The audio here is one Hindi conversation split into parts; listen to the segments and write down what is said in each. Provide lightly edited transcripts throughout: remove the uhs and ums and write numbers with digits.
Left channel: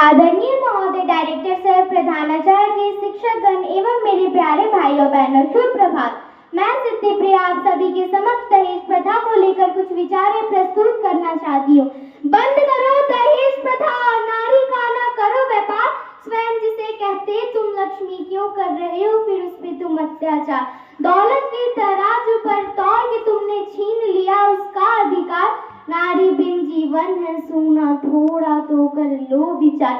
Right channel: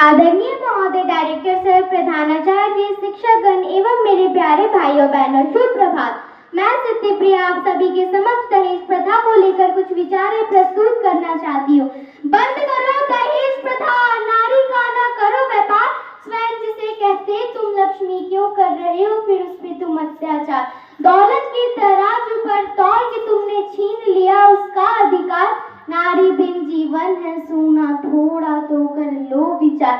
आदरणीय महोदय डायरेक्टर सर, प्रधानाचार्य, शिक्षकगण एवं मेरे प्यारे भाइयों बहनों, शुभ प्रभात। मैं सिद्धिप्रिया आप सभी के समक्ष दहेज प्रथा को लेकर कुछ विचारें प्रस्तुत करना चाहती हूँ। बंद करो दहेज प्रथा, नारी का न करो व्यापार, स्वयं जिसे कहते तुम लक्ष्मी क्यों कर रहे हो फिर उस पे तुम अत्याचार। दौलत के तराजू पर तौल के तुमने छीन लिया उसका अधिकार, नारी बिन जीवन है सूना, थोड़ा तो कर लो विचार।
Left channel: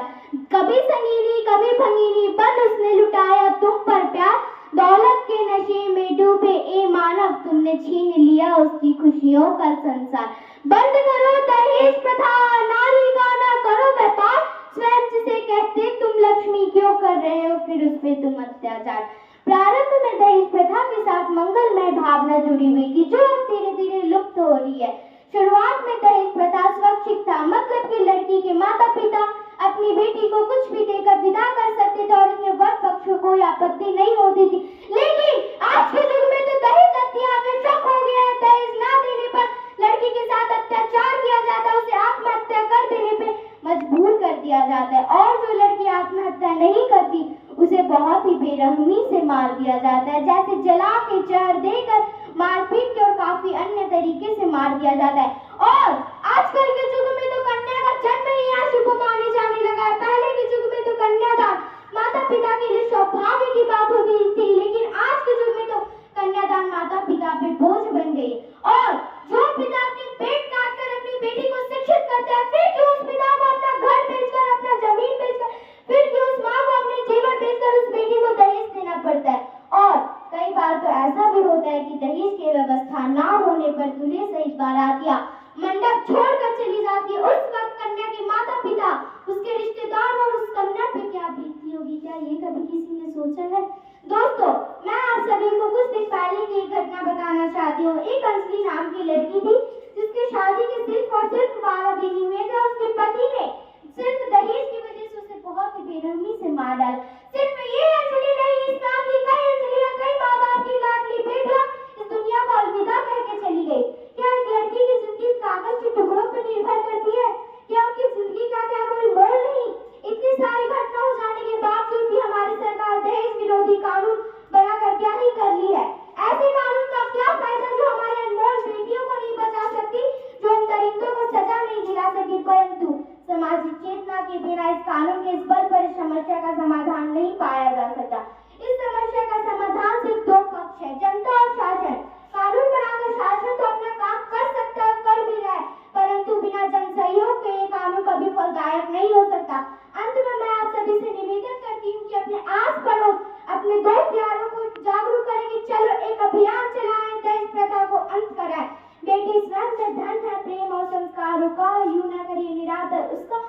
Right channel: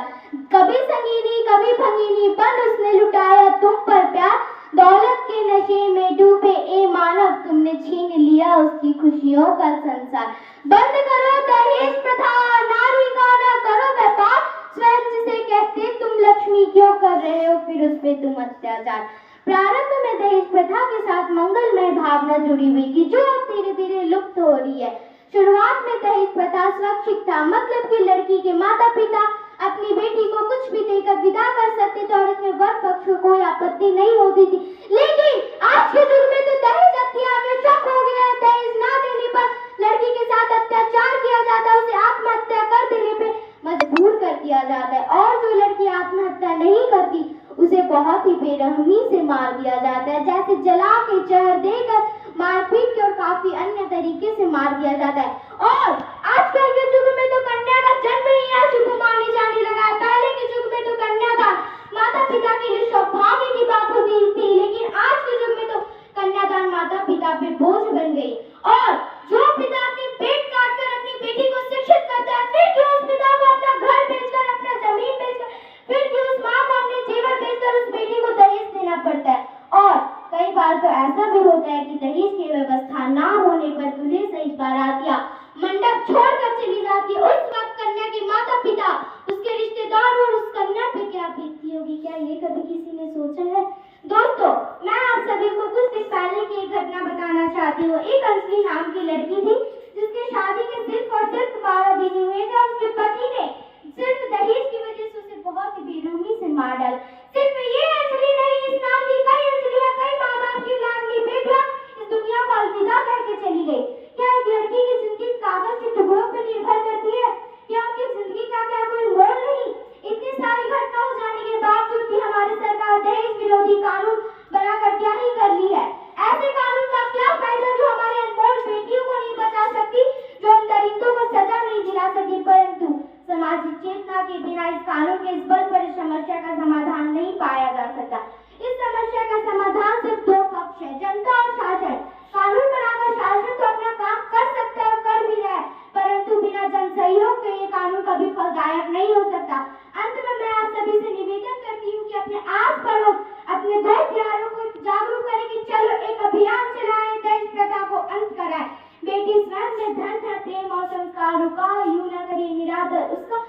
कभी संगीनी कभी भंगिनी बन उसने लुटाया तुम पर प्यार, दौलत के नशे में डूबे ए मानव तुमने छीन लिया उसकी खुशियों का संसार। बंद करो दहेज प्रथा, नारी का ना करो व्यापार, स्वयं जिसे कहते तुम लक्ष्मी क्यों कर रहे हो फिर उस पे तुम अत्याचार। प्रारंभ में दहेज प्रथा के साथ मंगलमय भावना जुड़ी हुई थी जो अब धीरे धीरे लुप्त हो रही है। शुरुआत में दहेज प्रथा स्वैच्छिक था, मतलब कि लड़की के माता पिता अपनी बेटी को कुछ भी देकर विदा कर सकते थे और इसमें वर पक्ष को कोई आपत्ति नहीं होती थी। लेकिन आज के युग में तो दहेज हत्या का शक हो गया है। दहेज ना देने पर लड़की के साथ अत्याचार किया जाता है, उसे आत्महत्या कर देने पे मजबूर कर दिया जाता है और जो लड़की आत्महत्या नहीं करती उसे बहुत ही बेरहमी से मार दिया जाता है, जैसे जला के जहर देकर मारपीट के और काफी अन्य तरीके से मार दिया जाता है। और आजकल के युग में तो कन्या का जन्म ही अशुभ माने जाने लगा है। पहले के युग में तो कन्यादान माता पिता के लिए सौभाग्य की बात होती थी, लेकिन आज के युग में तो कन्यादान माता पिता पे बोझ बन गई। और जो पिता अपनी पेट काट कर अपनी बेटी को शिक्षित करता है, फिर क्यों उस पिता को अपना घर बेचकर, अपना जमीन बेचकर, फिर क्यों उस माँ को अपने जेवर बेचकर उस बेटी को दहेज देना पड़ता है। और कई बार तो ऐसा भी होता है कि दहेज की व्यवस्था ना होने पर दूल्हे सहित बारातियां मंडप छोड़कर चली जाती है। उस वक्त कन्या के माता पिता, उसके रिश्तेदार और उस कन्या पे क्या बीतती होगी, क्या ये कभी किसी ने सोचा है? दोस्तों, मैं आप सभी को कुछ दिन पहले की एक घटना बताना चाहती हूँ। एक अंजलि नाम की लड़की थी जिसकी शादी के सिर्फ और सिर्फ 12 दिन हुए थे। उसके पति ने सिर्फ दहेज की वजह से उसे बहुत ही बेरहमी से मार डाला। सिर्फ ये अंजलि नहीं, इस नाम की कई अंजलियां, कई माँ बाप की लाडली बेटियां इस दुनिया को अलविदा करके चली गई। क्या एक लड़की की जिंदगी कागज के टुकड़ों पर निर्भर करती है? क्या उनकी जिंदगी का क्या कोई मोल नहीं? इतनी सारी घटना हो जाने के बावजूद भी हमारी सरकार दहेज विरोधी कानून बनाकर क्या ही कर रही है? ऐसे कानून का क्या फायदा जो हमारे अनमोल बेटियों को नहीं बचा सकती, जो उन दरिंदों को सजा नहीं दिला सकी। परंतु सामाजिक चेतना के बिना इस कानून के इस बल पर इस समस्या का समाधान नहीं पाया जा सकता। इस समस्या का समाधान सिर्फ दो पक्ष है, जनता और शासन। कानून बनाकर शासन तो अपना काम कर सकता है और कर भी रहा है, परंतु बिना जन सहयोग के ये कानून कभी फलदायक नहीं हो सकता। अंत में मैं आप सभी से निवेदन करती हूँ कि अपने आस पड़ोस, अपने दोस्त यारों को जागरूक करें कि चलो एक अभियान चलाएं, दहेज प्रथा को अंत कराएं। बेटी स्वयं में धन है, प्रेम और संस्कारों का यूं न करिए निरादर उसका।